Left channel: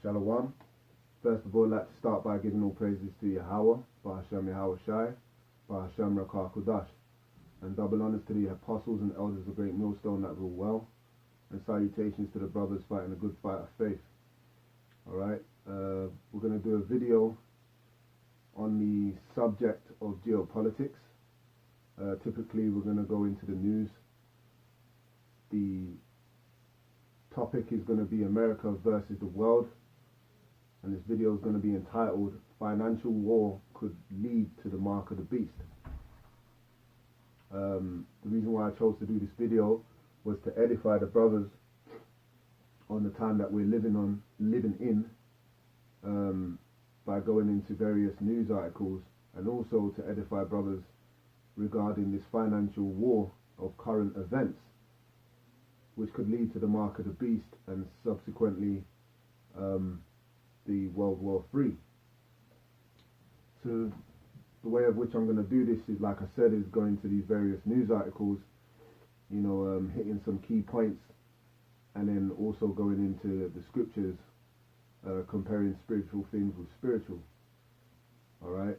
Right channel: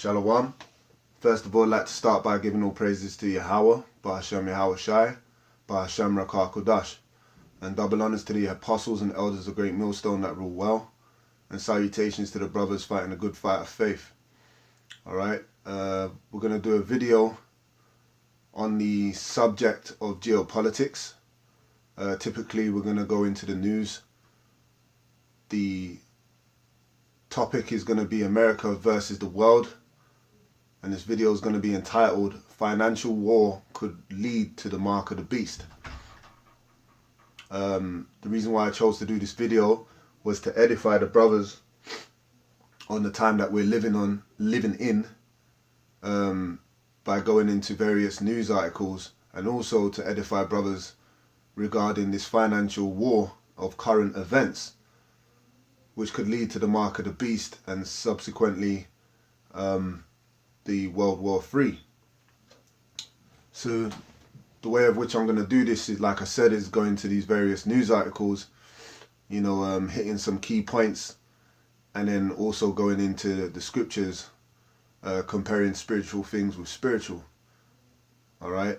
Shalom. First of all, I'd like to start by giving all praises to Yahweh, Ba'ashem Yahweh Shai, Ba'ashem Rakah Kodash, and double honors to the apostles and elders of Great Millstone that rule well, and salutations to the brothers fighting a good fight of faith. Alright, we're going to do a video on the subject of geopolitics. Typically, we're going to go into the news. The topic is going to be America versus the world. And this video is going to be entitled Financial War Could Lead to the Mark of the Beast. The reason why I chose to do this video was to edify the brothers on the time that we're living in by going into various news articles, and also to edify brothers regarding this financial war of current events, which could lead to the mark of the beast and subsequently the World War III. So the way of which I'm going to do this is, like I said, is going to these various news articles, you know, hitting some key points, and then also going into the scriptures, comparing spiritual things with spiritual. All right,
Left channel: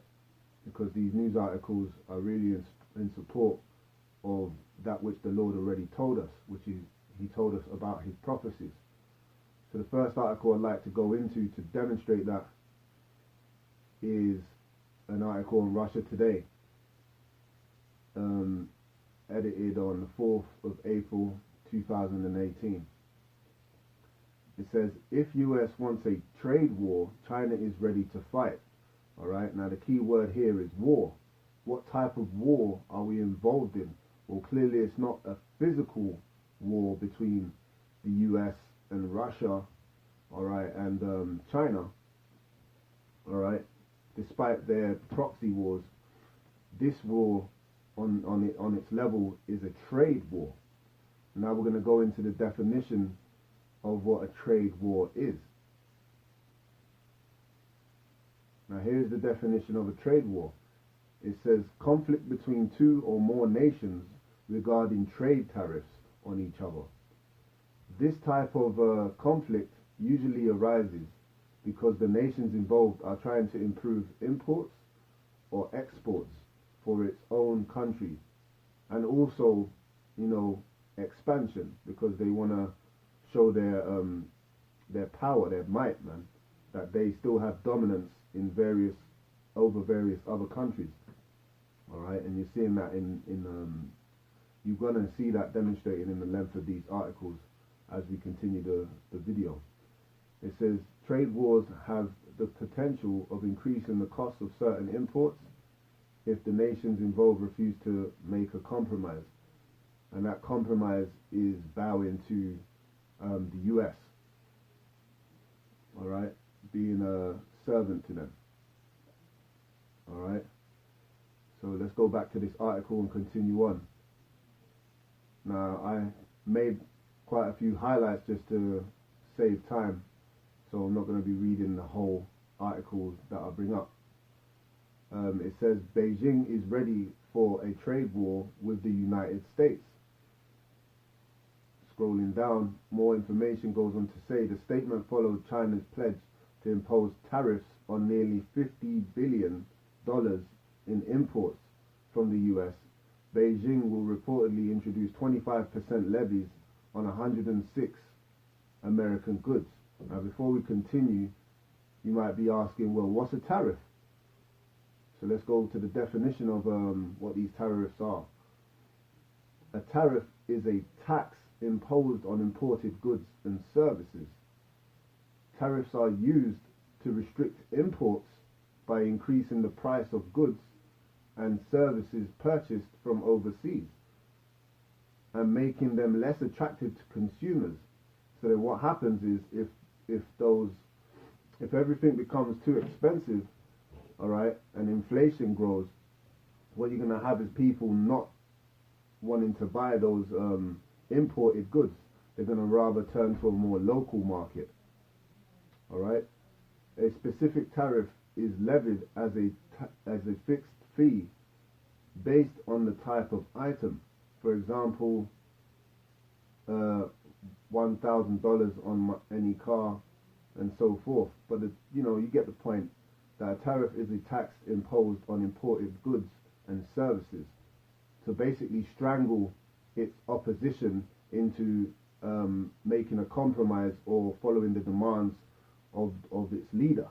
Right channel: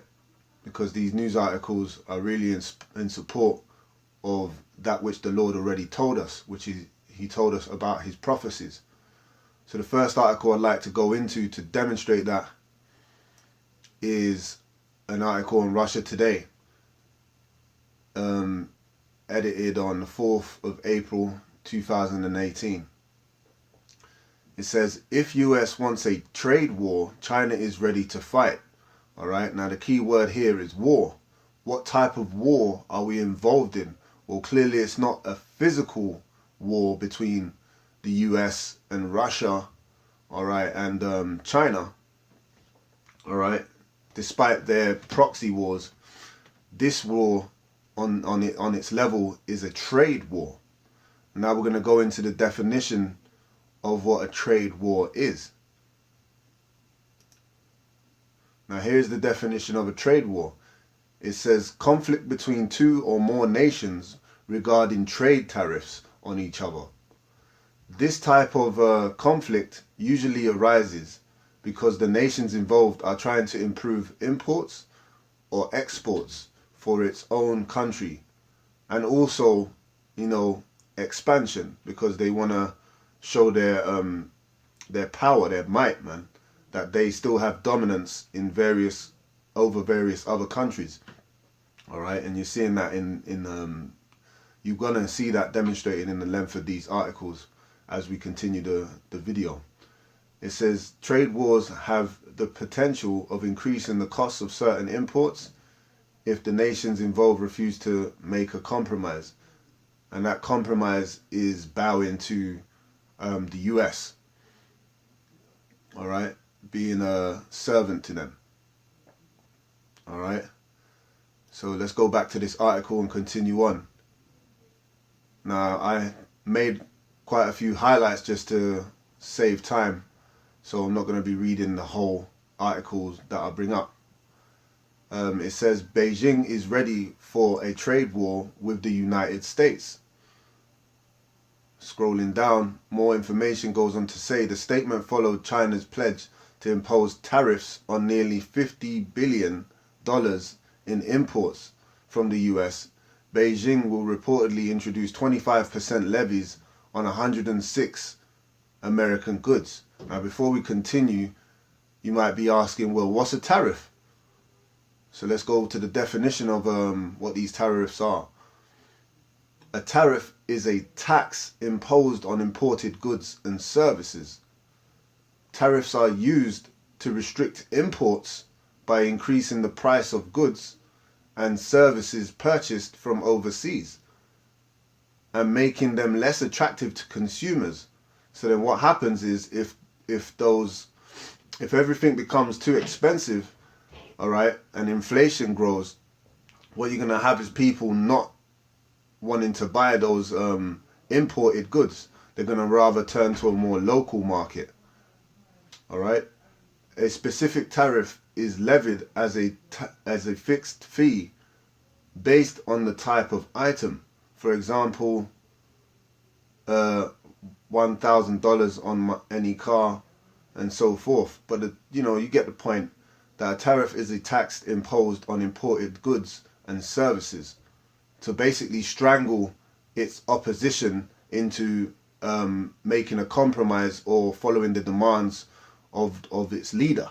because these news articles are really in support of that which the Lord already told us, which he told us about his prophecies. So the first article I'd like to go into to demonstrate that is an article on Russia Today, edited on the 4th of April 2018. It says, if US wants a trade war, China is ready to fight. All right, now the key word here is war. What type of war are we involved in? Well, clearly it's not a physical war between the US and Russia, all right, and China, all right. Despite their proxy wars, this war on its level is a trade war. Now we're going to go into the definition of what a trade war is. Now here's the definition of a trade war. It says conflict between two or more nations regarding trade tariffs on each other. This type of conflict usually arises because the nations involved are trying to improve imports or exports for its own country, and also, you know, expansion, because they want to show their power, their might, man, that they still have dominance in over various other countries. All right, and you're seeing that you're gonna see that demonstrated in the length of these articles as we continue the video. It says trade wars have the potential of increasing the cost of certain imports if the nations involved refuse to make a compromise, and that compromise is bowing to the US, all right, being a servant to them. All right, so let's go back to this article and continue on. Now, I made quite a few highlights just to save time, so I'm not going to be reading the whole articles that I bring up. It says Beijing is ready for a trade war with the United States. Scrolling down, more information goes on to say the statement followed China's pledge to impose tariffs on nearly $50 billion in imports from the US. Beijing will reportedly introduce 25% levies on 106 American goods. Now, before we continue, you might be asking, well, what's a tariff? So let's go to the definition of what these tariffs are. A tariff is a tax imposed on imported goods and services. Tariffs are used to restrict imports by increasing the price of goods and services purchased from overseas and making them less attractive to consumers. So then what happens is if everything becomes too expensive, all right, and inflation grows, what you're going to have is people not wanting to buy those imported goods. They're going to rather turn to a more local market. All right, a specific tariff is levied as a fixed fee based on the type of item. For example, $1,000 on any car and so forth. But you get the point that a tariff is a tax imposed on imported goods and services to basically strangle its opposition into making a compromise or following the demands of its leader.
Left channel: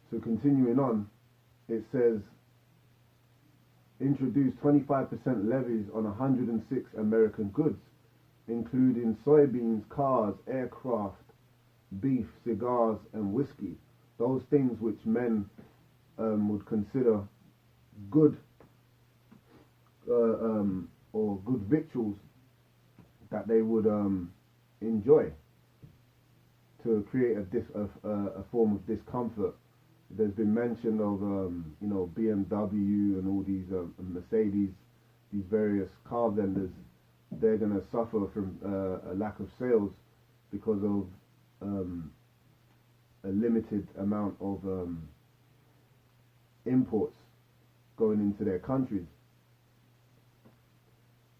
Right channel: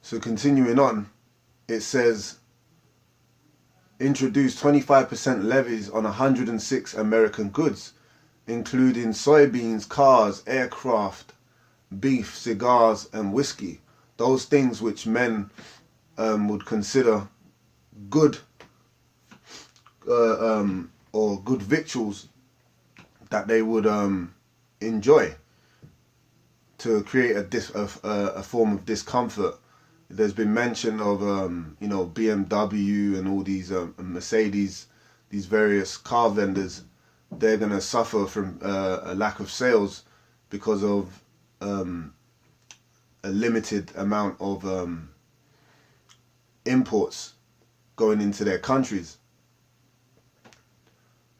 So continuing on, it says, introduced 25% levies on 106 American goods, including soybeans, cars, aircraft, beef, cigars, and whiskey. Those things which men would consider good or good victuals that they would enjoy, to create a form of discomfort. There's been mention of BMW and all these Mercedes, these various car vendors. They're going to suffer from a lack of sales because of a limited amount of imports going into their countries.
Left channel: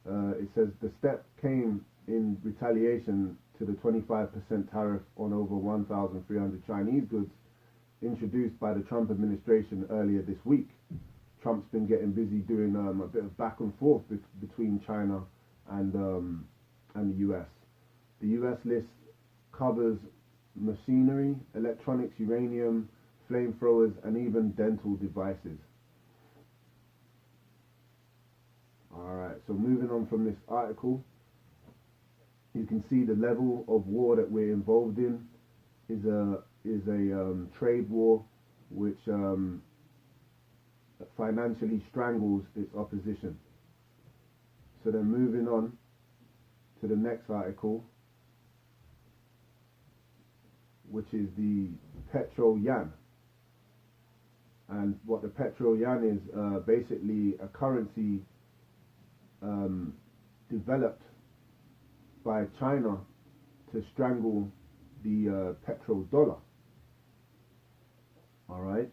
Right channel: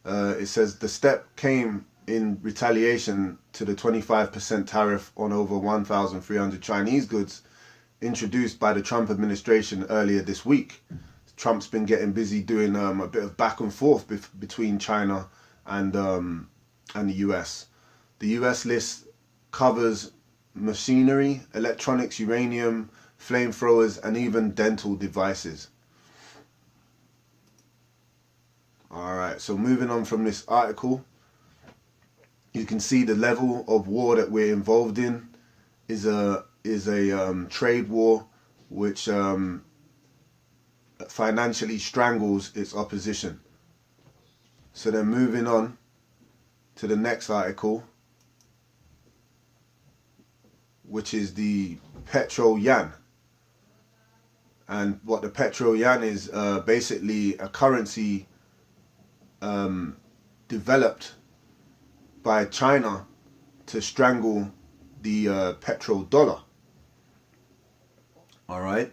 It says the step came in retaliation to the 25% tariff on over 1,300 Chinese goods introduced by the Trump administration earlier this week. Trump's been getting busy doing a bit of back and forth between China and the US. The US list covers machinery, electronics, uranium, flamethrowers, and even dental devices. Alright, so moving on from this article, you can see the level of war that we're involved in is a trade war which financially strangles its opposition. So then moving on to the next article, which is the petrol yuan. And what the petrol yuan is, basically a currency developed by China to strangle the petrodollar. Alright,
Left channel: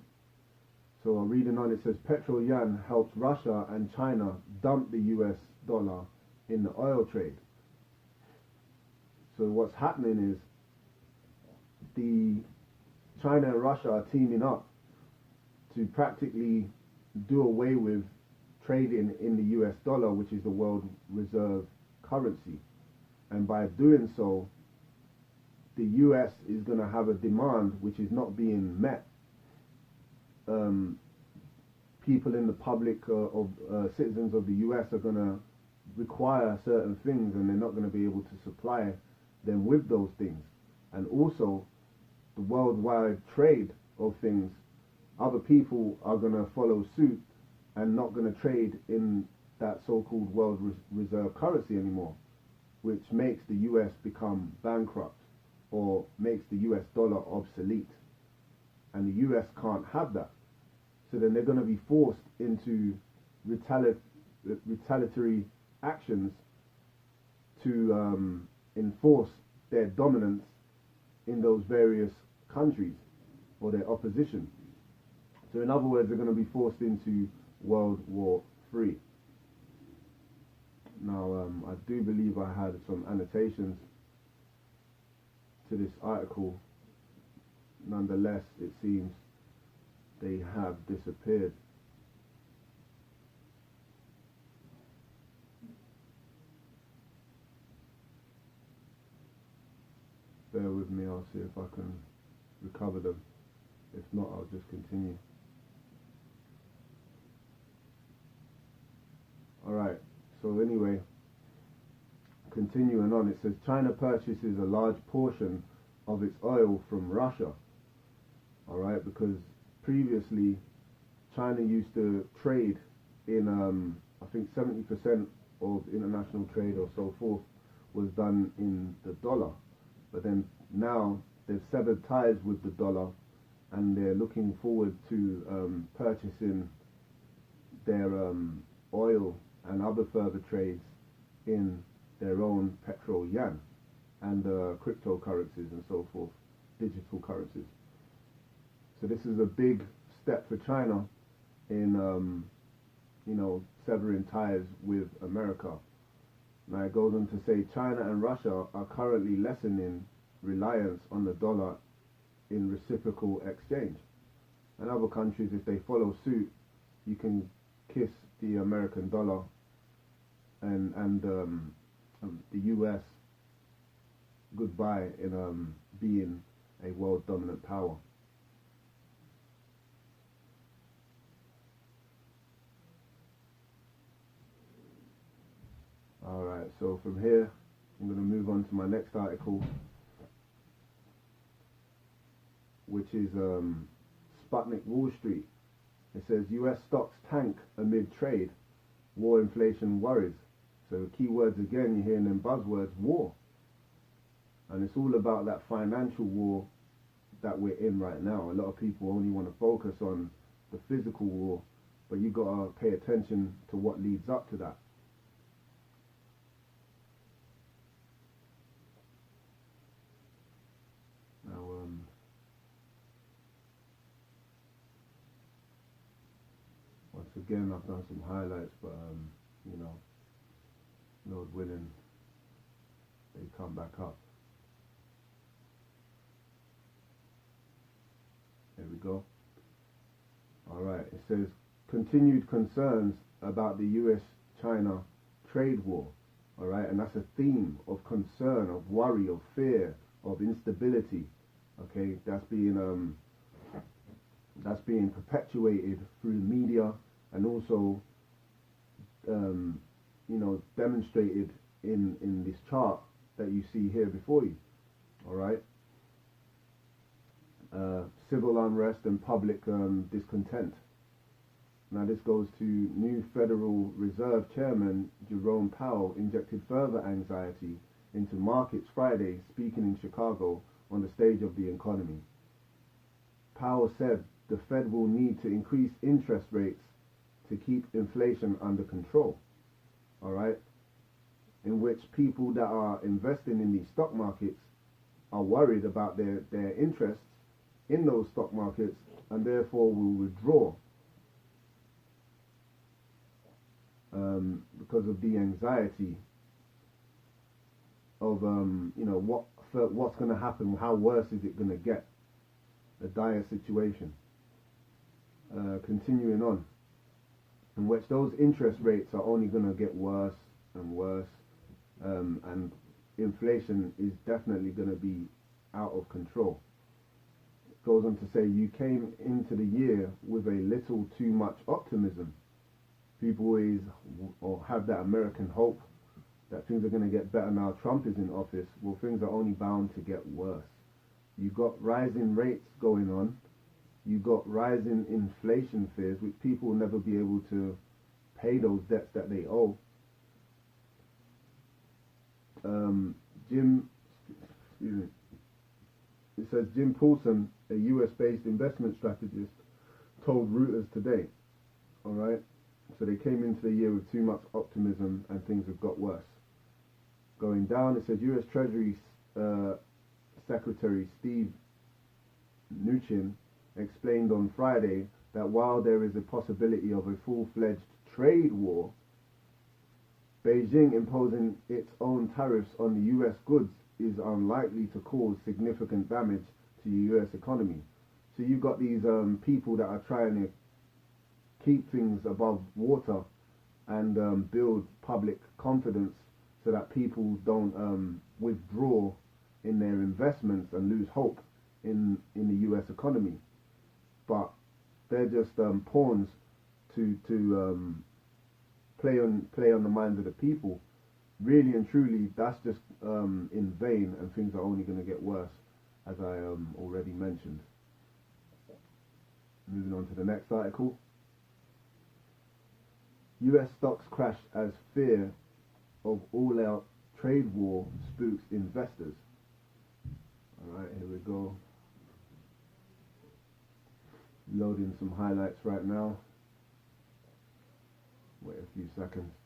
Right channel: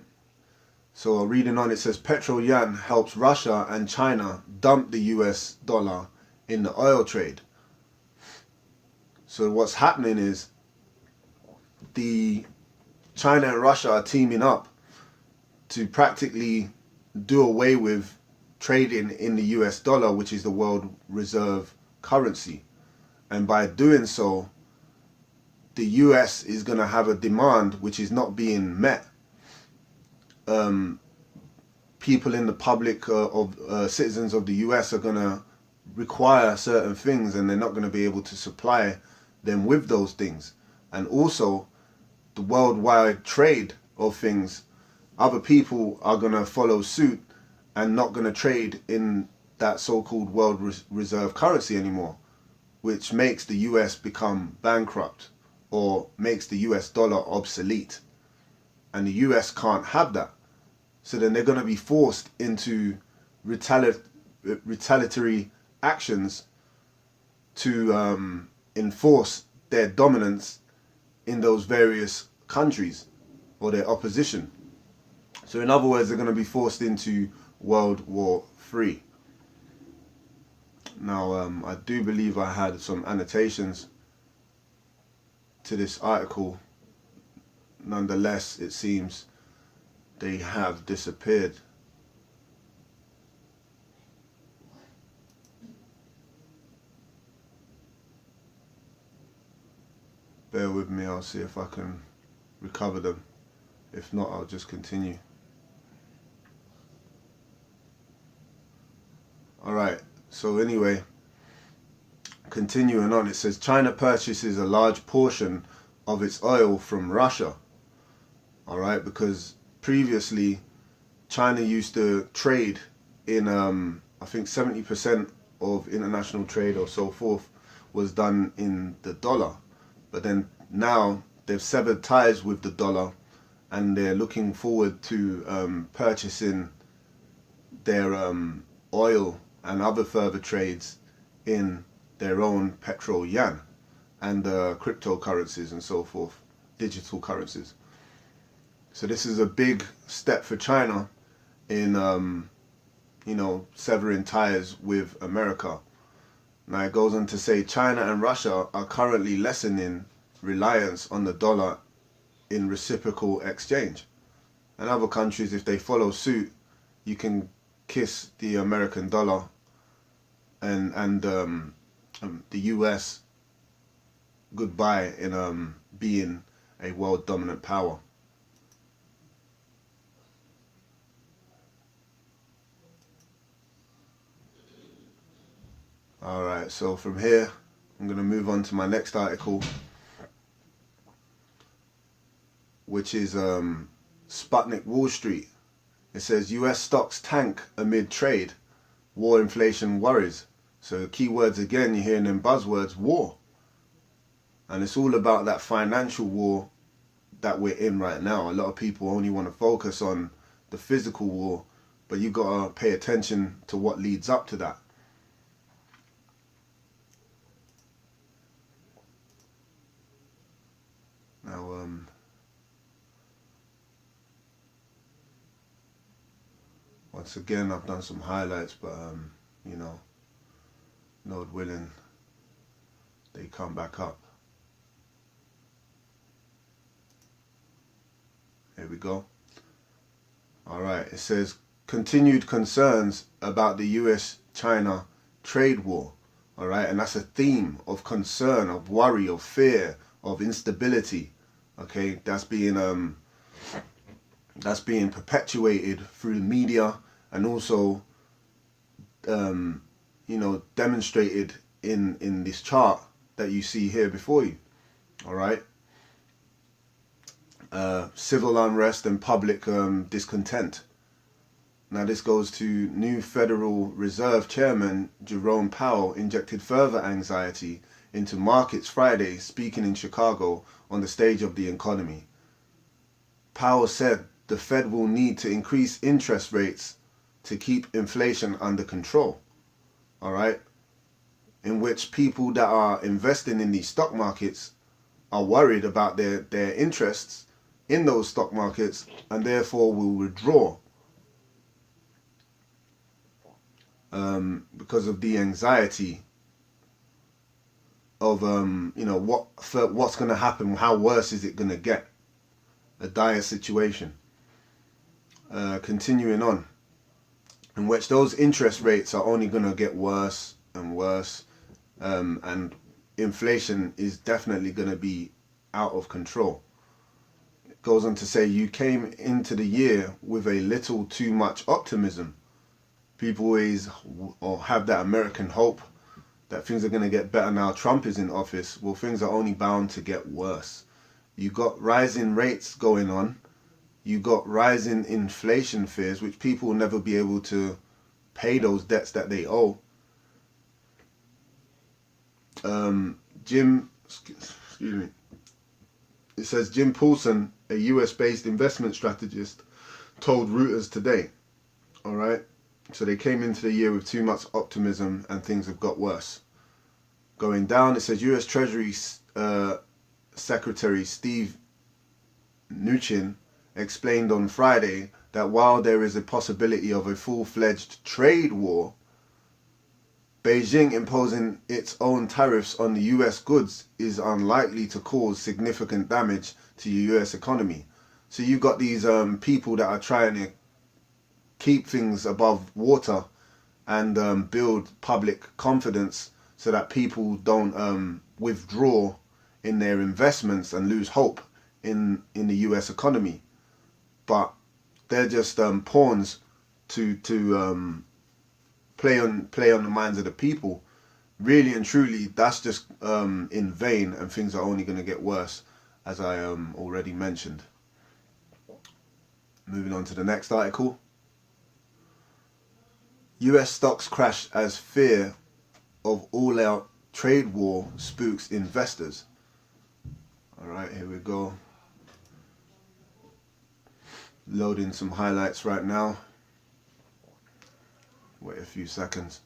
so reading on, it says petrol yuan helps Russia and China dump the US dollar in the oil trade. So what's happening is the China and Russia are teaming up to practically do away with trading in the US dollar, which is the world reserve currency. And by doing so, the US is going to have a demand which is not being met. People in the public citizens of the US are going to require certain things, and they're not going to be able to supply them with those things. And also, the worldwide trade of things, other people are going to follow suit and not going to trade in that so-called world reserve currency anymore, which makes the US become bankrupt or makes the US dollar obsolete. And the US can't have that. So then they're going to be forced into retaliatory actions to enforce their dominance in those various countries, or their opposition. So in other words, they're going to be forced into World War III. Now, I do believe I had some annotations to this article. Nonetheless, it seems they have disappeared. Bear with me, I'll see if I can recover them. If not, I'll just continue. Alright, so anyway, continuing on, it says China purchases a large portion of its oil from Russia. Alright, because previously China used to trade in, I think 70% of international trade or so forth was done in the dollar. But then now they've severed ties with the dollar, and they're looking forward to purchasing their oil and other further trades in their own petrol yuan and cryptocurrencies and so forth, digital currencies. So this is a big step for China in, severing ties with America. Now it goes on to say China and Russia are currently lessening reliance on the dollar in reciprocal exchange. And other countries, if they follow suit, you can kiss the American dollar and the US goodbye in being a world dominant power. Alright, so from here I'm going to move on to my next article, which is Sputnik Wall Street. It says US stocks tank amid trade, war inflation worries. So keywords again, you're hearing them buzzwords, war. And it's all about that financial war that we're in right now. A lot of people only want to focus on the physical war, but you got to pay attention to what leads up to that. Now, once again, I've done some highlights, but you know, Lord willing, they come back up. Here we go. All right, it says continued concerns about the US-China trade war. All right, and that's a theme of concern, of worry, of fear, of instability. Okay, that's being perpetuated through the media and also you know, demonstrated in this chart that you see here before you. All right. Civil unrest and public discontent. Now this goes to new Federal Reserve Chairman Jerome Powell injected further anxiety into markets Friday, speaking in Chicago on the stage of the economy. Powell said the Fed will need to increase interest rates to keep inflation under control. All right, in which people that are investing in these stock markets are worried about their interests in those stock markets and therefore will withdraw because of the anxiety of you know, what's going to happen, how worse is it going to get, a dire situation. Continuing on, in which those interest rates are only going to get worse and worse, and inflation is definitely going to be out of control. It goes on to say you came into the year with a little too much optimism. People always have that American hope that things are going to get better now Trump is in office. Well, things are only bound to get worse. You got rising rates going on. You got rising inflation fears, which people will never be able to pay those debts that they owe. Excuse me. It says Jim Paulson, a US-based investment strategist, told Reuters today. All right. So they came into the year with too much optimism and things have got worse. Going down, it says US Treasury Secretary Steve Mnuchin explained on Friday that while there is a possibility of a full-fledged trade war, Beijing imposing its own tariffs on the US goods is unlikely to cause significant damage to the US economy. So you got these people that are trying to keep things above water and build public confidence so that people don't withdraw in their investments and lose hope in the US economy. But they're just pawns to play on the minds of the people. Really and truly, that's just in vain, and things are only going to get worse, as I already mentioned. Moving on to the next article. US stocks crash as fear of all-out trade war spooks investors. All right, here we go. Loading some highlights right now. Wait a few seconds.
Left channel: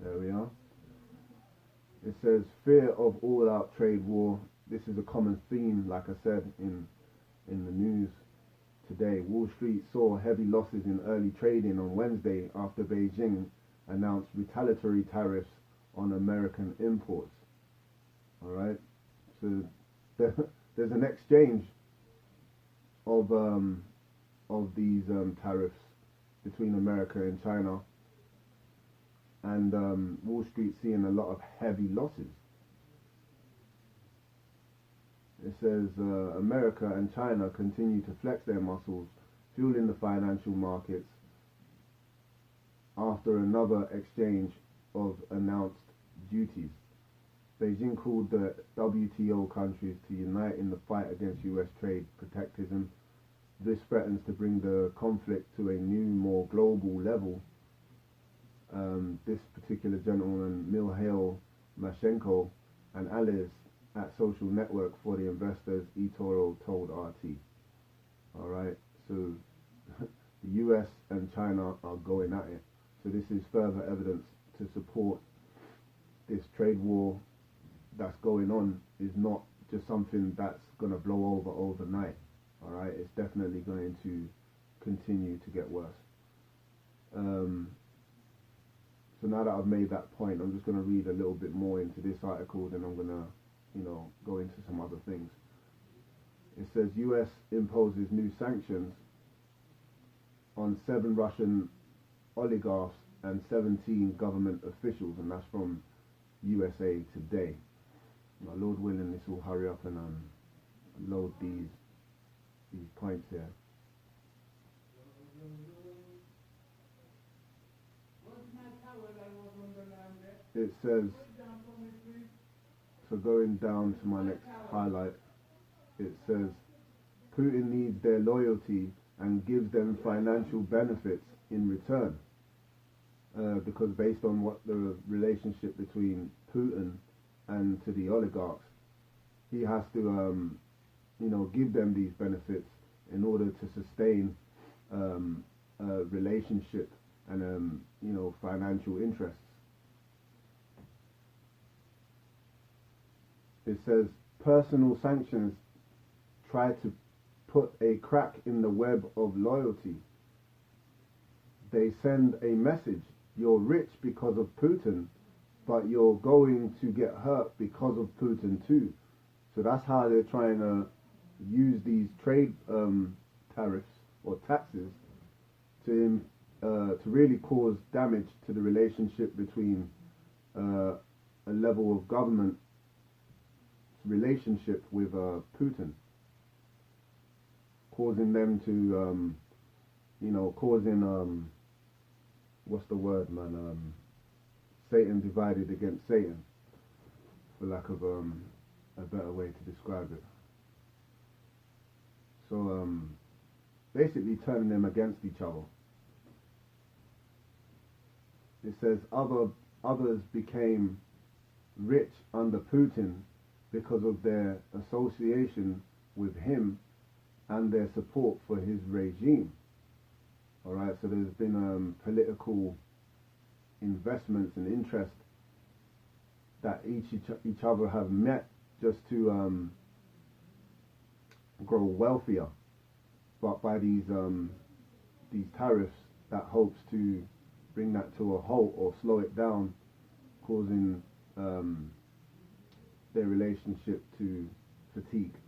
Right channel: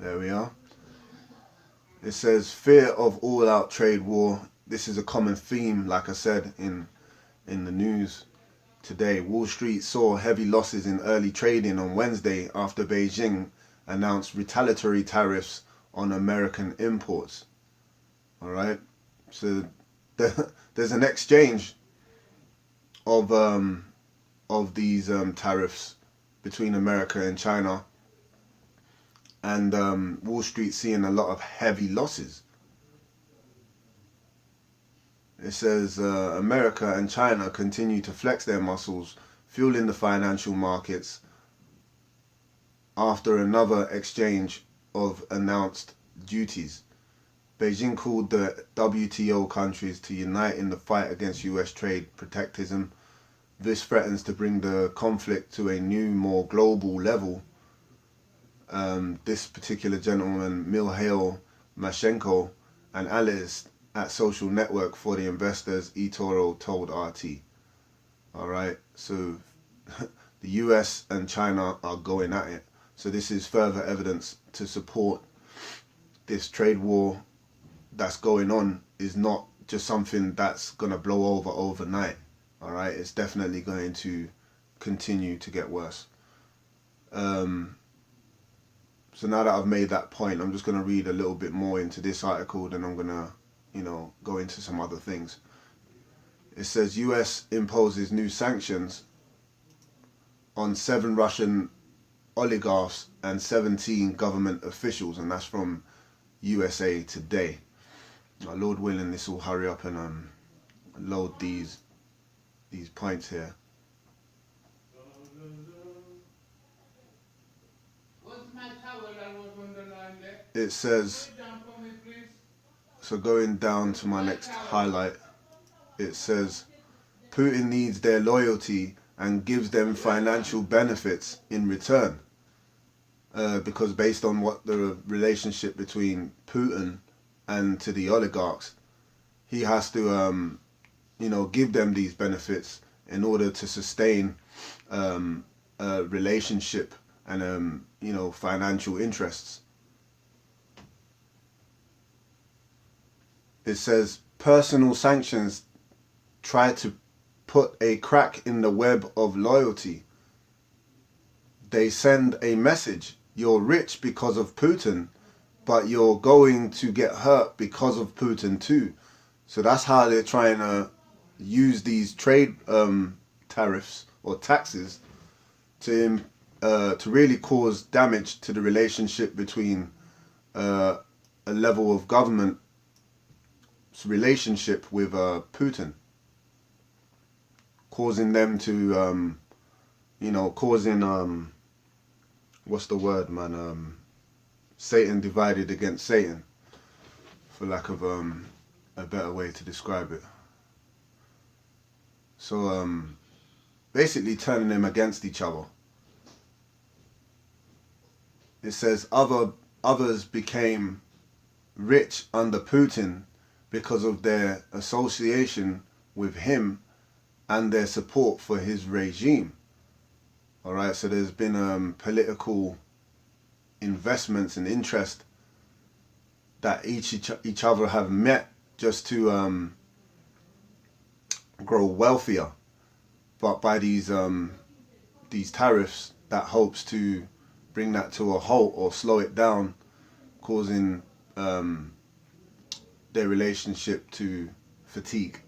There we are. It says fear of all-out trade war. This is a common theme, like I said, in the news. today. Wall Street saw heavy losses in early trading on Wednesday after Beijing announced retaliatory tariffs on American imports. All right, so there's an exchange of these tariffs between America and China, and Wall Street seeing a lot of heavy losses. It says America and China continue to flex their muscles, fueling the financial markets after another exchange of announced duties. Beijing called the WTO countries to unite in the fight against US trade protectionism. This threatens to bring the conflict to a new, more global level. This particular gentleman, Mikhail Mashenko, an analyst at social network for the investors, eToro, told RT. All right, so the US and China are going at it. So this is further evidence to support this trade war that's going on is not just something that's going to blow over overnight. All right, it's definitely going to continue to get worse. So now that I've made that point, I'm just going to read a little bit more into this article, then I'm going to, go into some other things. It says US imposes new sanctions on 7 Russian oligarchs and 17 government officials, and that's from USA Today. Lord willing, this will hurry up and load these points here. It says, so going down to my next highlight, it says Putin needs their loyalty and gives them financial benefits in return, because based on what the relationship between Putin and to the oligarchs, he has to give them these benefits in order to sustain a relationship and financial interests. It says personal sanctions try to put a crack in the web of loyalty. They send a message: you're rich because of Putin, but you're going to get hurt because of Putin too. So that's how they're trying to use these trade tariffs or taxes to really cause damage to the relationship between a level of government relationship with Putin, causing them to what's the word, man, Satan divided against Satan, for lack of a better way to describe it. So basically turning them against each other. It says others became rich under Putin because of their association with him and their support for his regime. All right, so there's been political investments and interest that each other have met just to grow wealthier, but by these tariffs, that hopes to bring that to a halt or slow it down, causing their relationship to fatigue.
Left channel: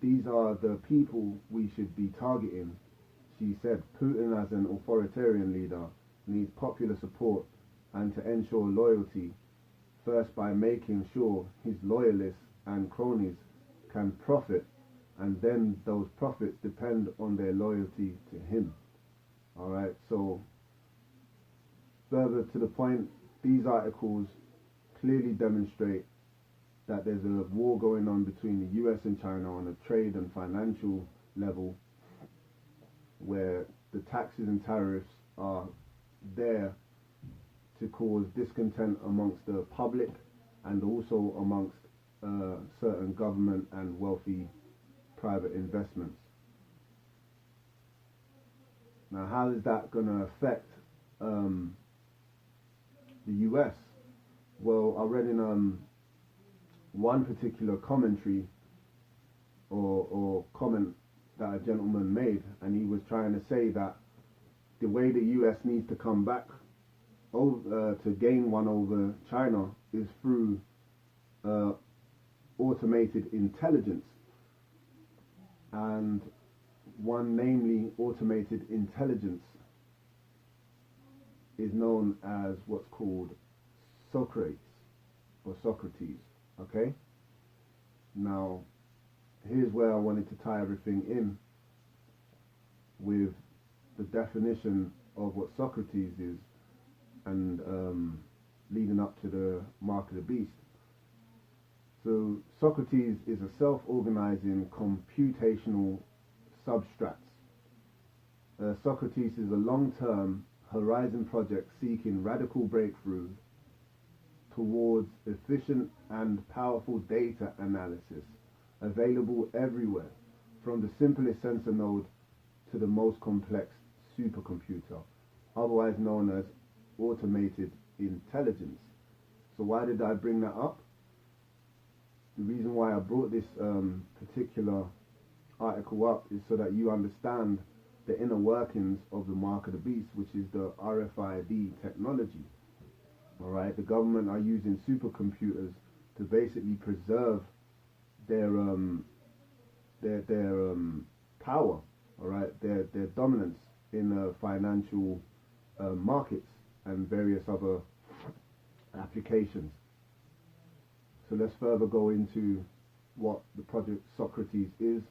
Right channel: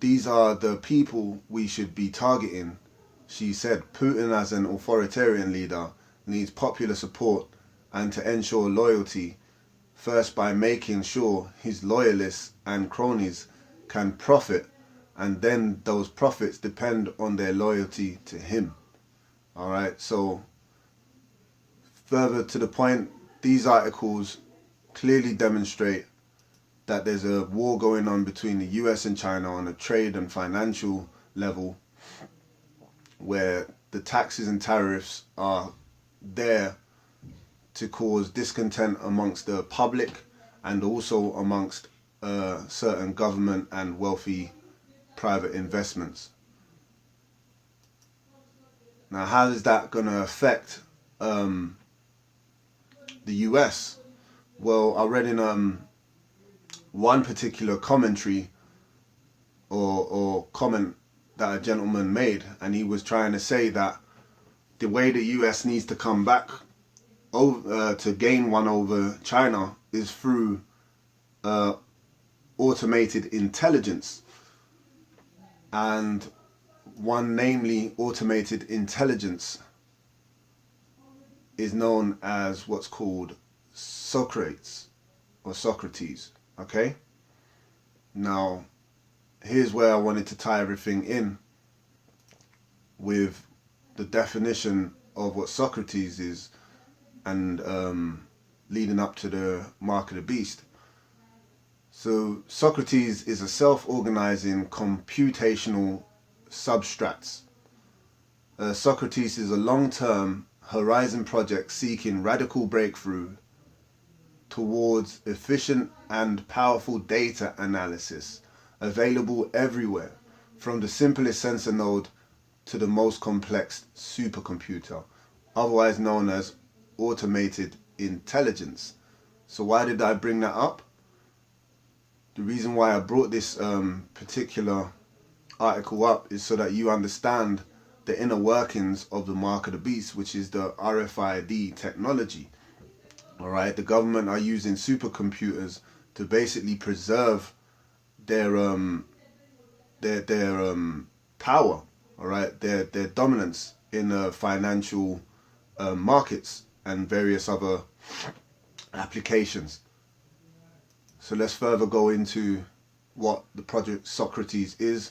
These are the people we should be targeting, she said. Putin, as an authoritarian leader, needs popular support and to ensure loyalty, first by making sure his loyalists and cronies can profit, and then those profits depend on their loyalty to him. All right, so further to the point, these articles clearly demonstrate that there's a war going on between the US and China on a trade and financial level, where the taxes and tariffs are there to cause discontent amongst the public and also amongst certain government and wealthy private investments. Now, how is that going to affect the US? Well, I read in one particular commentary or comment that a gentleman made, and he was trying to say that the way the US needs to come back over, to gain one over China is through automated intelligence. And one, namely automated intelligence, is known as what's called Socrates, okay? Now, here's where I wanted to tie everything in with the definition of what Socrates is, and leading up to the mark of the beast. So Socrates is a self-organizing computational substrate. Socrates is a long-term horizon project seeking radical breakthrough towards efficient and powerful data analysis available everywhere, from the simplest sensor node to the most complex supercomputer, otherwise known as automated intelligence. So why did I bring that up? The reason why I brought this particular article up is so that you understand the inner workings of the mark of the beast, which is the RFID technology. All right, the government are using supercomputers to basically preserve their power, all right, their dominance in the financial markets and various other applications. So let's further go into what the Project Socrates is.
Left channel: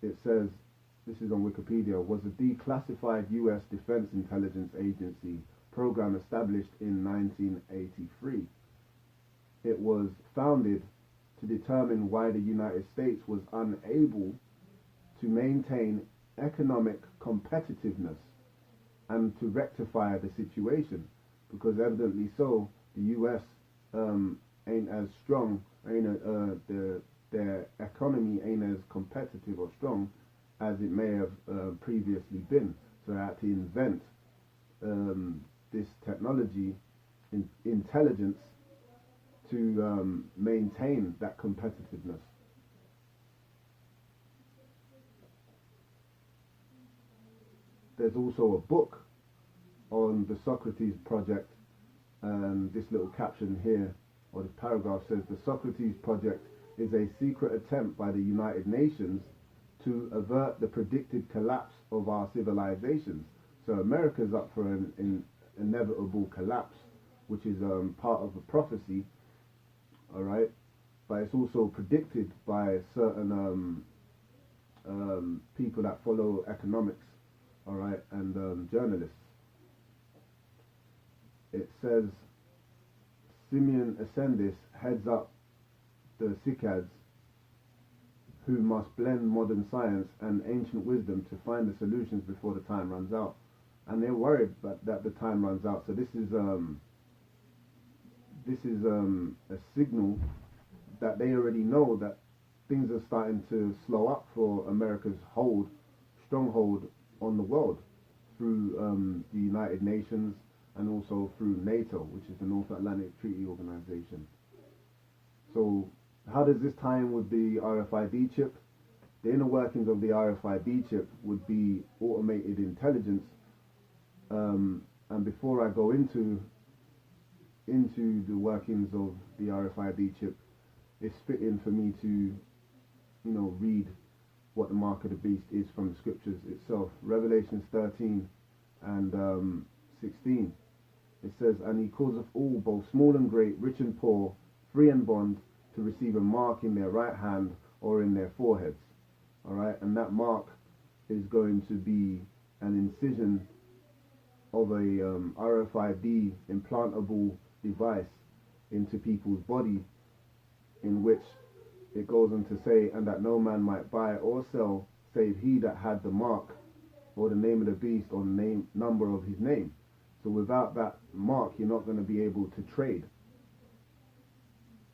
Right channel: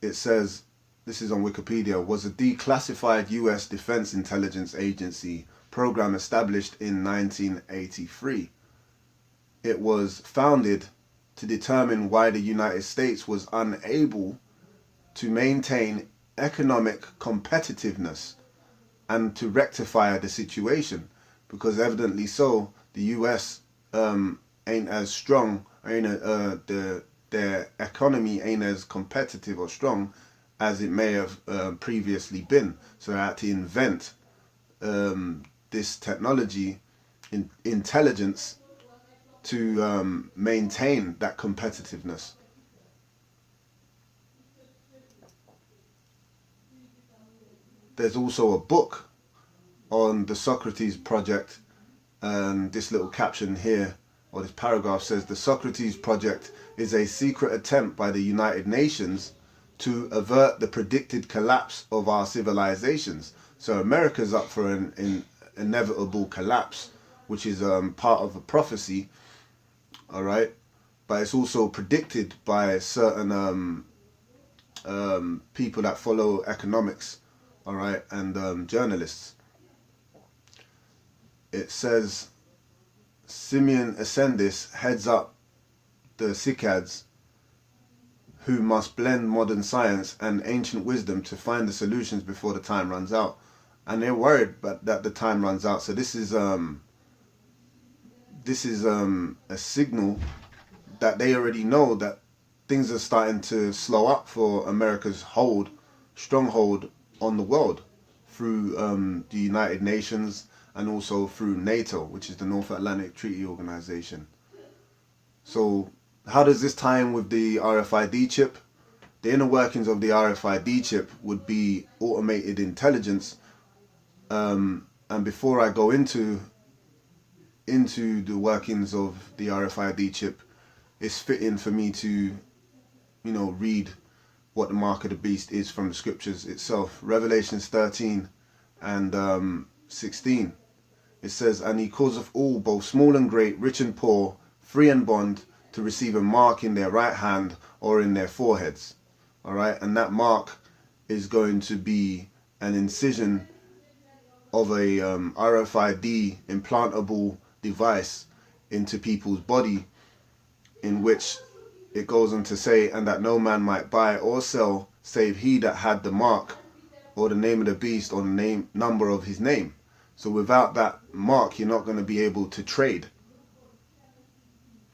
It says, this is on Wikipedia, was a declassified US Defense Intelligence Agency program established in 1983. It was founded to determine why the United States was unable to maintain economic competitiveness and to rectify the situation, because evidently so, the US ain't as strong, their economy ain't as competitive or strong as it may have previously been. So I had to invent this technology, intelligence, to maintain that competitiveness. There's also a book on the Socrates Project, and this little caption here, or this paragraph says, the Socrates Project is a secret attempt by the United Nations to avert the predicted collapse of our civilizations. So America's up for an inevitable collapse, which is part of a prophecy, all right? But it's also predicted by certain people that follow economics, all right, and journalists. It says, Simeon Ascendis heads up the CICADs, who must blend modern science and ancient wisdom to find the solutions before the time runs out. And they're worried that the time runs out. So this is a signal that they already know that things are starting to slow up for America's stronghold on the world through the United Nations and also through NATO, which is the North Atlantic Treaty Organization. So how does this tie in with the RFID chip? The inner workings of the RFID chip would be automated intelligence. And before I go into the workings of the RFID chip, it's fitting for me to, read what the mark of the beast is from the scriptures itself. Revelations 13 and 16. It says, and he causeth all, both small and great, rich and poor, free and bond, to receive a mark in their right hand or in their foreheads. All right, and that mark is going to be an incision of a RFID implantable device into people's body, in which it goes on to say, and that no man might buy or sell save he that had the mark or the name of the beast or the number of his name. So without that mark, you're not going to be able to trade.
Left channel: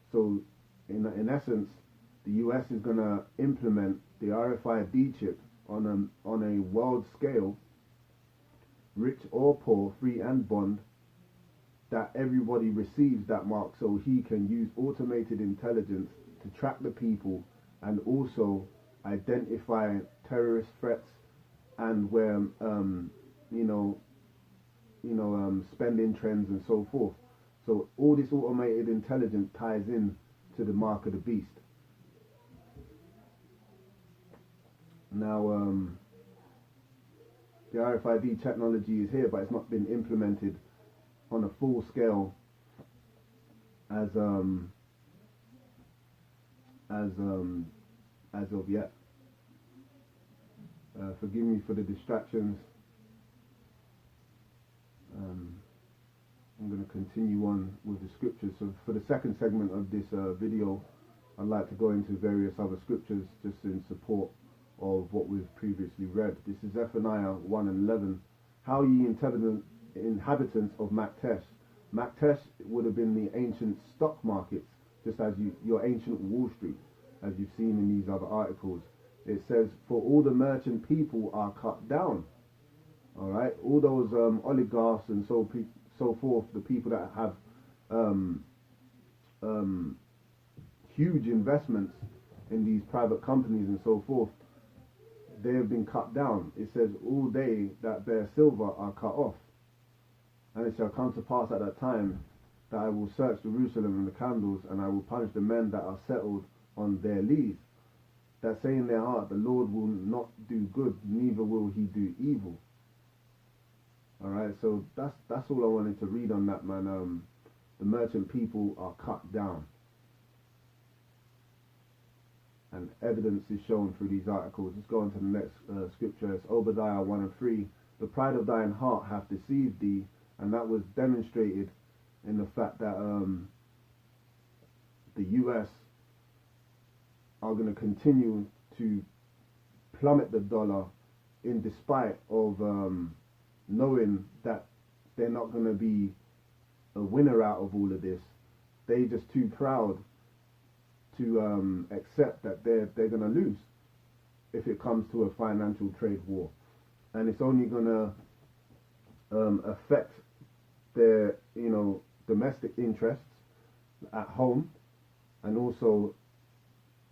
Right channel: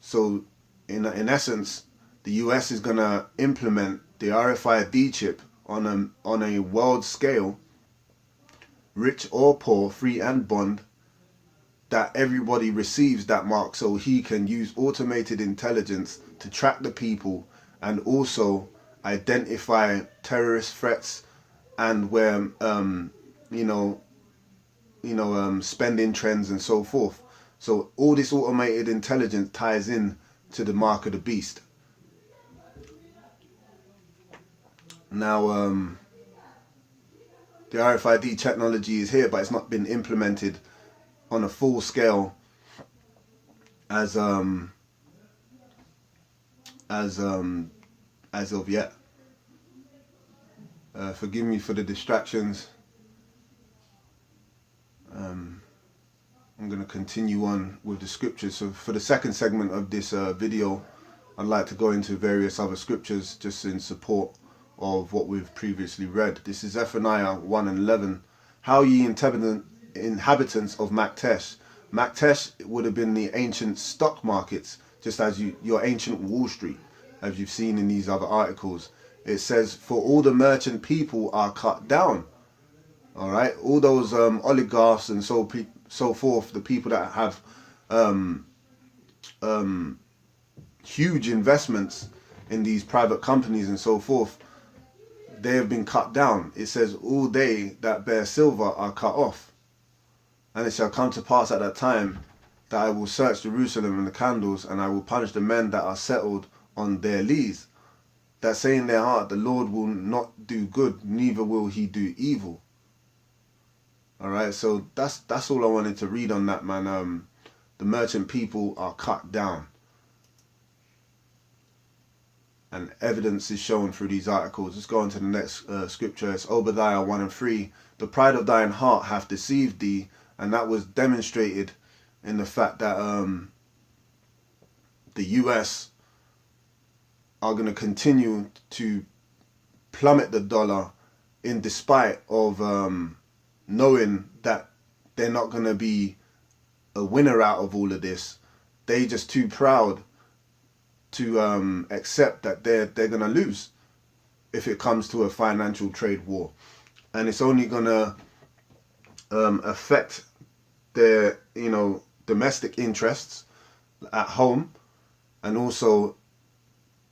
So in essence, the US is going to implement the RFID chip on a world scale, rich or poor, free and bond, that everybody receives that mark, so he can use automated intelligence to track the people and also identify terrorist threats, and where spending trends and so forth. So all this automated intelligence ties in to the mark of the beast. Now, the RFID technology is here, but it's not been implemented on a full scale as of yet. Forgive me for the distractions. I'm going to continue on with the scriptures. So for the second segment of this video, I'd like to go into various other scriptures just in support of what we've previously read. This is Zephaniah 1 and 11. How ye inhabitants of Maktesh. Maktesh would have been the ancient stock markets, just as your ancient Wall Street, as you've seen in these other articles. It says, for all the merchant people are cut down. All right, all those oligarchs and so forth, the people that have huge investments in these private companies and so forth, they have been cut down. It says, all they that bear silver are cut off. And it shall come to pass at that time that I will search Jerusalem and the candles, and I will punish the men that are settled on their lees, that say in their heart, the Lord will not do good, neither will he do evil. All right, so that's all I wanted to read on that, man. The merchant people are cut down, and evidence is shown through these articles. Let's go on to the next scripture. It's Obadiah 1 and 3. The pride of thine heart hath deceived thee, and that was demonstrated in the fact that the US are going to continue to plummet the dollar in despite of knowing that they're not going to be a winner out of all of this. They're just too proud to accept that they're going to lose if it comes to a financial trade war, and it's only going to affect their domestic interests at home, and also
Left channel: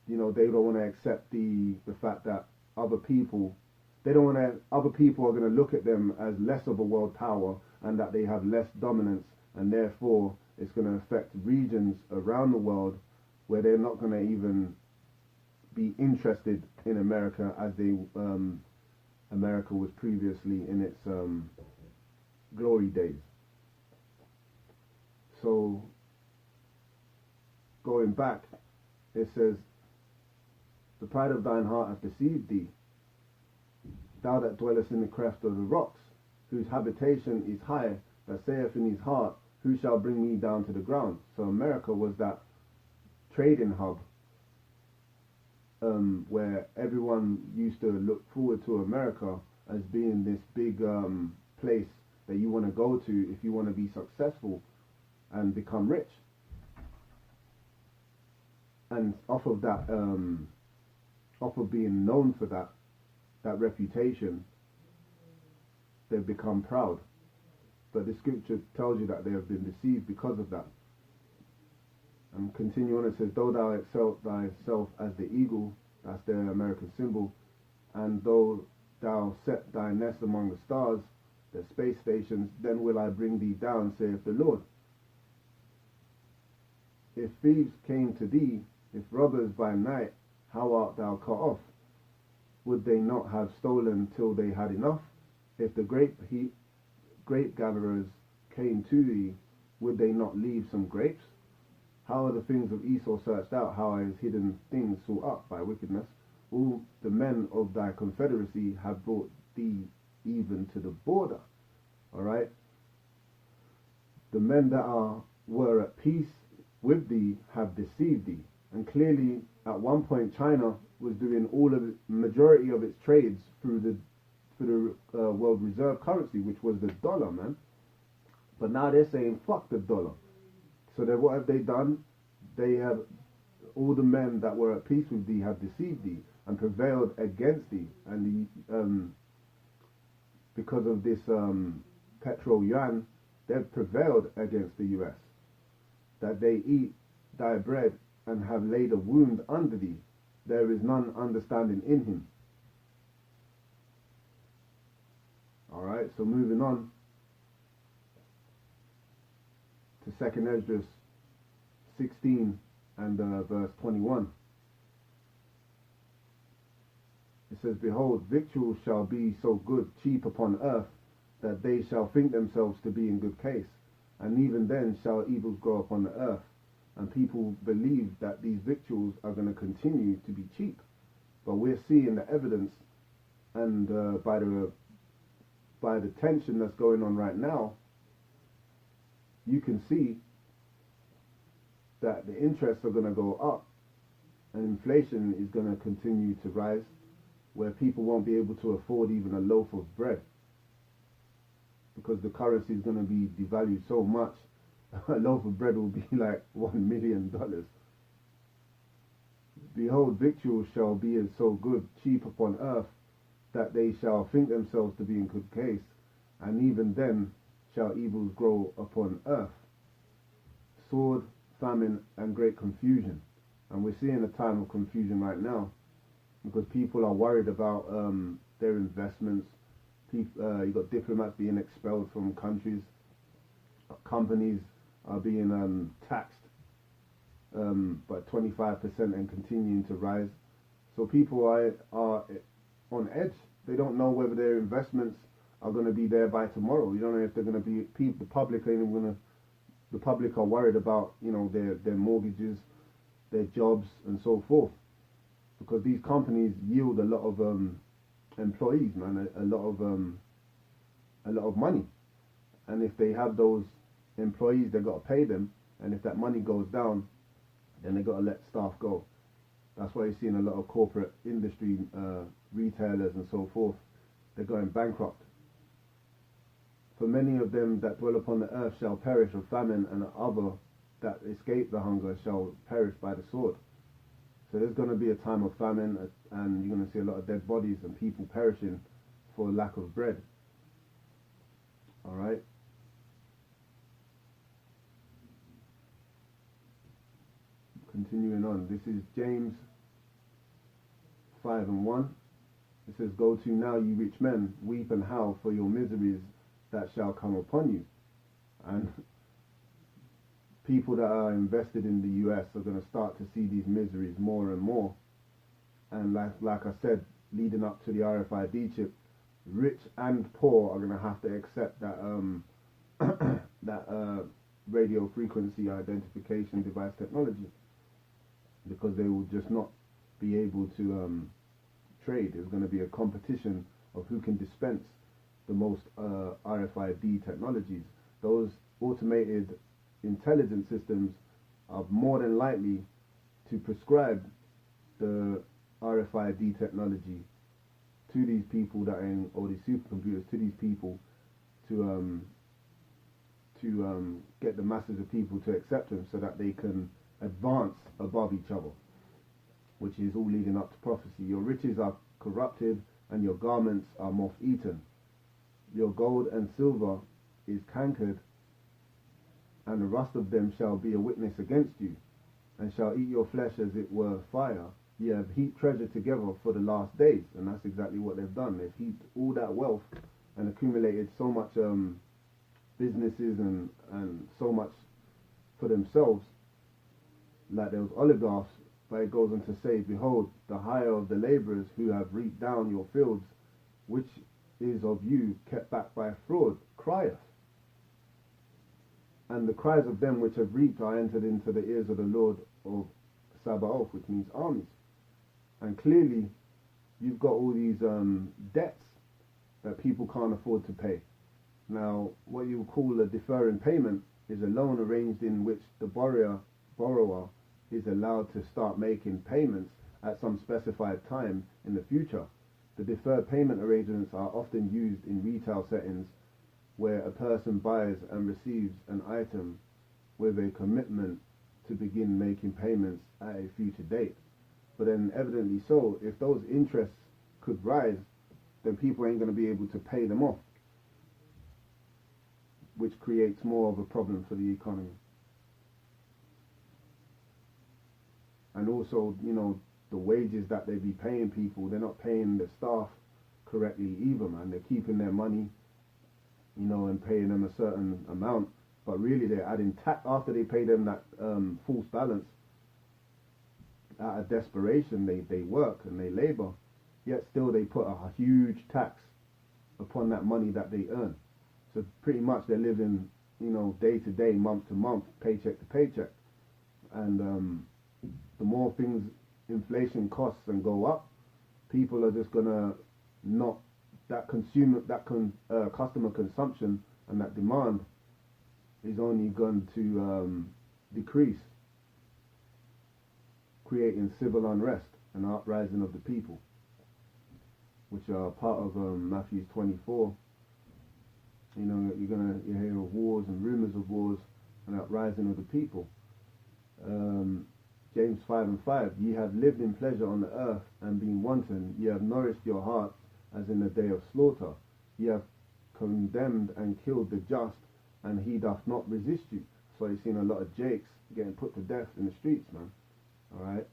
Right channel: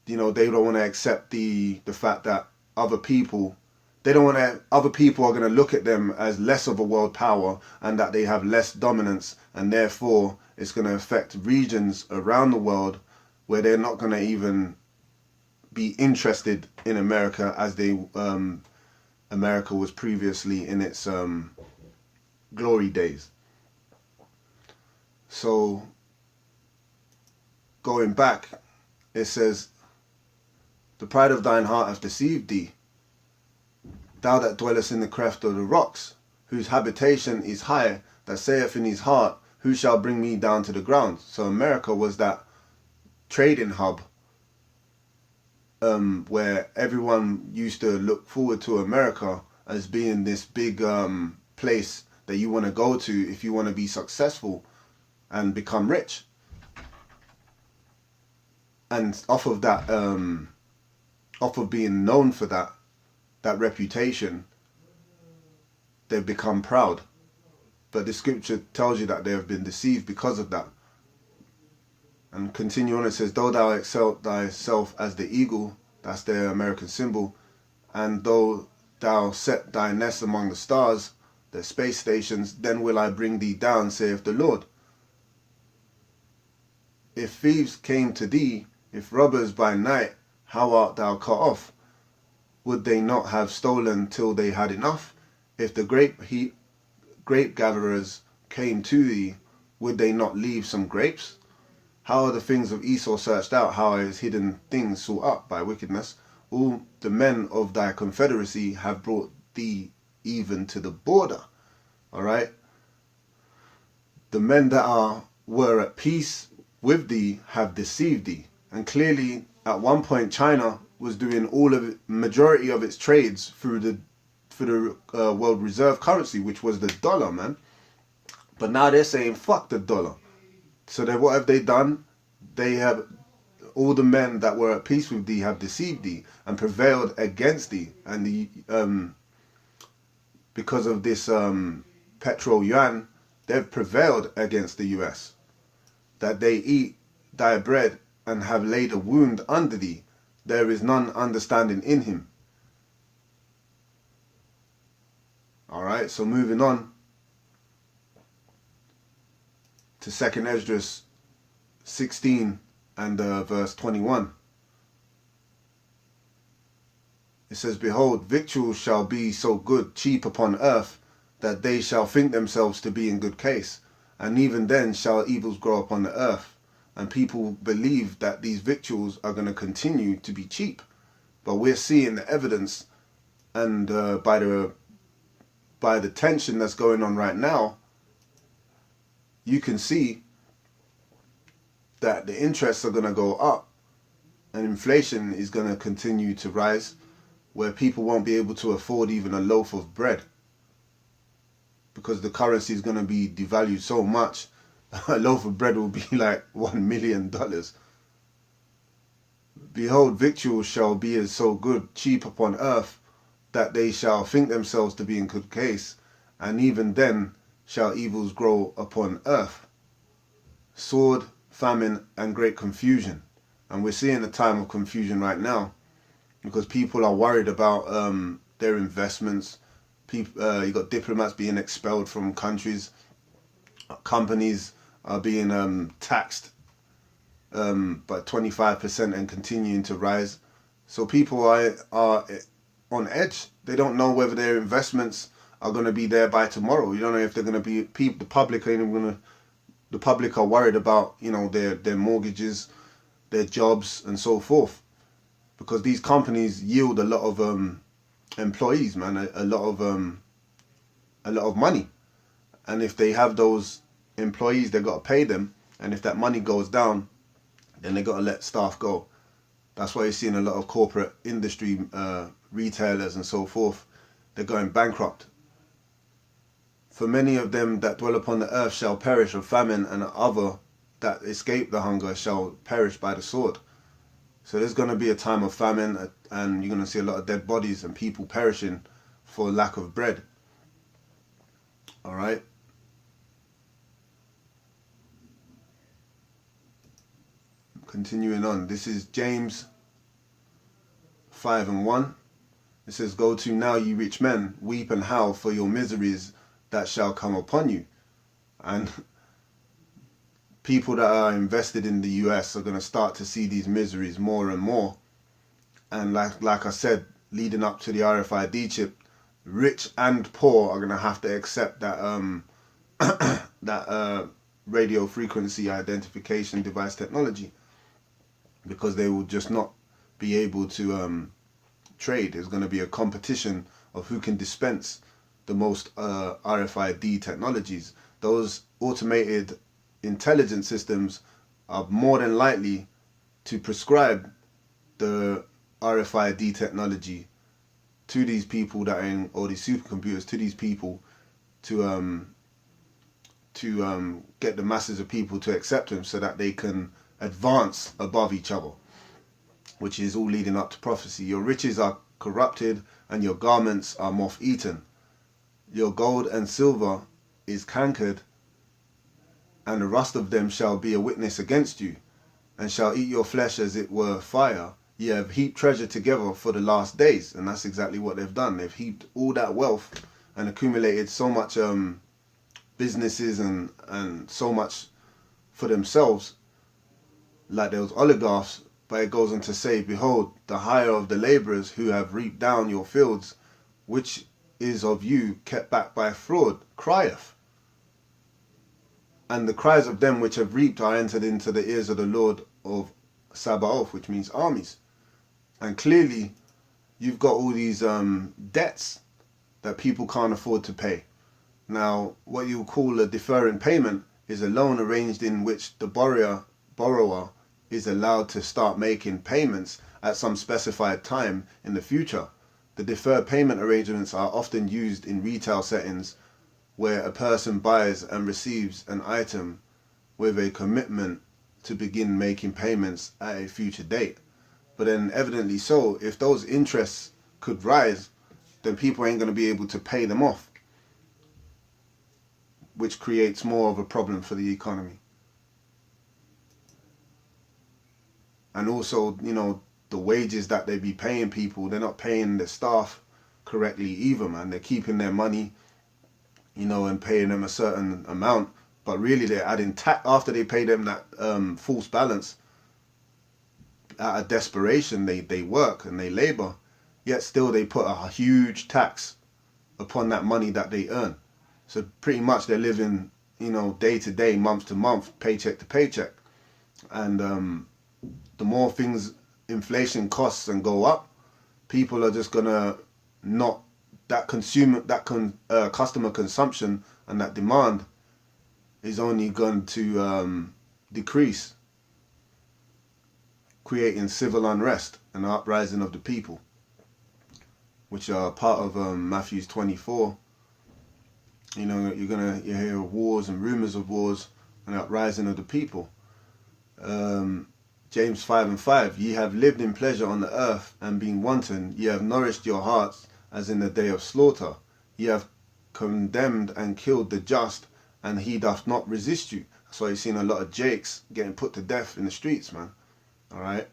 they don't want to accept the fact that other people are going to look at them as less of a world power, and that they have less dominance, and therefore it's going to affect regions around the world where they're not going to even be interested in America as America was previously in its glory days. So going back, it says, the pride of thine heart hath deceived thee, thou that dwellest in the cleft of the rocks, whose habitation is high, that saith in his heart, who shall bring me down to the ground? So America was that trading hub where everyone used to look forward to America as being this big place that you want to go to if you want to be successful and become rich. And off of that, off of being known for that reputation, they've become proud. But the scripture tells you that they have been deceived because of that. And continue on, it says, though thou exalt thyself as the eagle, that's their American symbol, and though thou set thy nest among the stars, the space stations, then will I bring thee down, saith the Lord. If thieves came to thee, if robbers by night, how art thou cut off? Would they not have stolen till they had enough? If the grape gatherers came to thee, would they not leave some grapes? How are the things of Esau searched out? How are his hidden things sought up by wickedness? All the men of thy confederacy have brought thee even to the border. All right. The men that were at peace with thee have deceived thee. And clearly, at one point, China was doing majority of its trades through the world reserve currency, which was the dollar, man. But now they're saying fuck the dollar. So then what have they done? They have, all the men that were at peace with thee have deceived thee and prevailed against thee. And because of this petro yuan, they've prevailed against the US. That they eat thy bread and have laid a wound under thee. there is none understanding in him. Alright, so moving on to 2nd Esdras 16 and verse 21. It says, Behold, victuals shall be so good, cheap upon earth, that they shall think themselves to be in good case. And even then shall evils grow upon the earth. And people believe that these victuals are going to continue to be cheap. But we're seeing the evidence, and by the tension that's going on right now, you can see that the interests are going to go up and inflation is going to continue to rise, where people won't be able to afford even a loaf of bread because the currency is going to be devalued so much. A loaf of bread will be like $1 million. Behold, victuals shall be as so good, cheap upon earth, that they shall think themselves to be in good case, and even then shall evils grow upon earth. Sword, famine, and great confusion. And we're seeing a time of confusion right now because people are worried about their investments. You got diplomats being expelled from countries. Companies are being taxed by 25% and continuing to rise. So people are on edge. They don't know whether their investments are going to be there by tomorrow. You don't know if they're going to be. The public ain't going to. The public are worried about, you know, their mortgages, their jobs, and so forth, because these companies yield a lot of employees, man, a lot of money, and if they have those employees, they got to pay them, and if that money goes down, then they got to let staff go. That's why you're seeing a lot of corporate industry retailers and so forth. They're going bankrupt. For many of them that dwell upon the earth shall perish of famine, and other that escape the hunger shall perish by the sword. So there's going to be a time of famine, and you're going to see a lot of dead bodies and people perishing for lack of bread. All right. Continuing on, this is James 5 and 1. It says, Go to now, ye rich men, weep and howl for your miseries that shall come upon you. And people that are invested in the US are going to start to see these miseries more and more. And like I said, leading up to the RFID chip, rich and poor are going to have to accept that that radio frequency identification device technology, because they will just not be able to trade. There's going to be a competition of who can dispense the most RFID technologies. Those automated intelligence systems are more than likely to prescribe the RFID technology to these people that are in, or these supercomputers, to these people to get the masses of people to accept them, so that they can advance above each other, which is all leading up to prophecy. Your riches are corrupted and your garments are moth-eaten. Your gold and silver is cankered, and the rust of them shall be a witness against you, and shall eat your flesh as it were fire. Ye have heaped treasure together for the last days. And that's exactly what they've done. They've heaped all that wealth and accumulated so much businesses and so much for themselves, like those oligarchs. But it goes on to say, Behold, the hire of the labourers who have reaped down your fields, which is of you kept back by fraud, crieth. And the cries of them which have reaped are entered into the ears of the Lord of Sabaoth, which means armies. And clearly, you've got all these debts that people can't afford to pay. Now, what you call a deferring payment is a loan arranged in which the borrower is allowed to start making payments at some specified time in the future. The deferred payment arrangements are often used in retail settings where a person buys and receives an item with a commitment to begin making payments at a future date. But then evidently so, if those interests could rise, then people ain't going to be able to pay them off, which creates more of a problem for the economy. And also, you know, the wages that they be paying people, they're not paying the staff correctly either, man. They're keeping their money, you know, and paying them a certain amount, but really they're adding tax after they pay them that false balance. Out of desperation, they work and they labor, yet still they put a huge tax upon that money that they earn. So pretty much they're living, you know, day to day, month to month, paycheck to paycheck. And the more things, inflation costs and go up, people are just gonna not, that customer consumption and that demand is only going to decrease, creating civil unrest and uprising of the people, which are part of Matthew 24. You know, you hear wars and rumors of wars and uprising of the people. James 5:5, ye have lived in pleasure on the earth and been wanton, ye have nourished your hearts as in the day of slaughter. Ye have condemned and killed the just, and he doth not resist you. That's why you've seen a lot of Jakes getting put to death in the streets, man. Alright?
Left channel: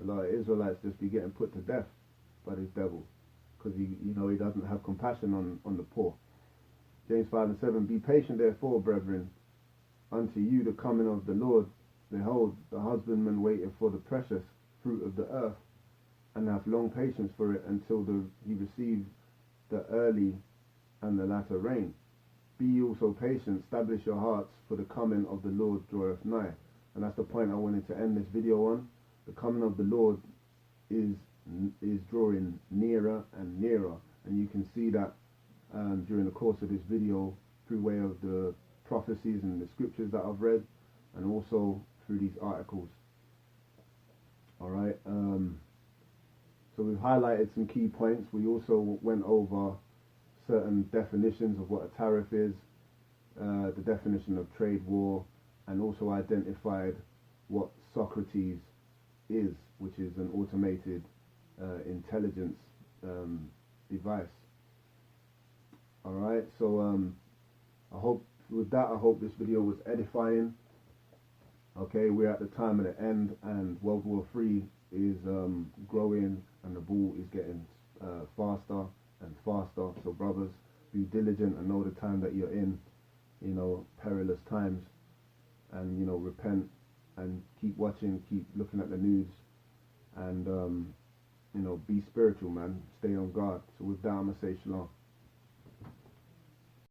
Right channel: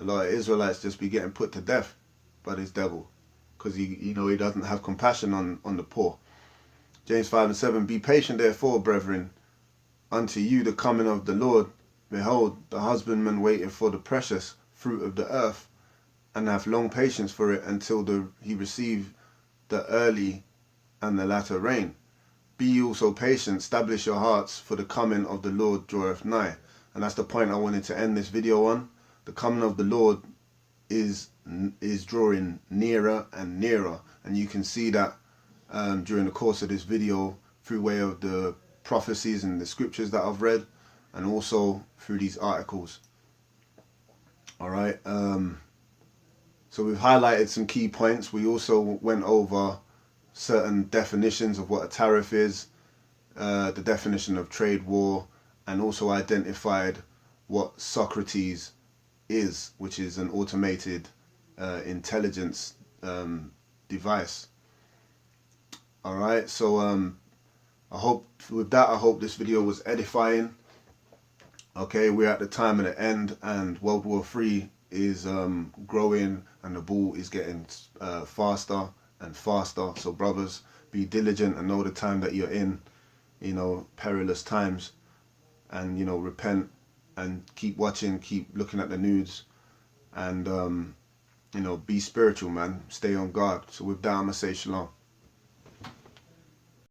A lot of Israelites just be getting put to death by this devil, because he doesn't have compassion on the poor. James 5:7, be patient therefore, brethren, unto you the coming of the Lord. Behold, the husbandman waiteth for the precious fruit of the earth, and hath long patience for it until he receive the early and the latter rain. Be ye also patient, establish your hearts, for the coming of the Lord draweth nigh. And that's the point I wanted to end this video on. The coming of the Lord is drawing nearer and nearer, and you can see that during the course of this video through way of the prophecies and the scriptures that I've read, and also through these articles. Alright, so we've highlighted some key points. We also went over certain definitions of what a tariff is, the definition of trade war, and also identified what Socrates is, which is an automated intelligence device. Alright, so I hope this video was edifying. Okay, we're at the time of the end, and World War III is growing, and the ball is getting faster and faster. So brothers, be diligent and know the time that you're in, you know, perilous times, and, you know, repent and keep watching, keep looking at the news, and you know, be spiritual, man. Stay on guard. So with that, I'm gonna say shalom.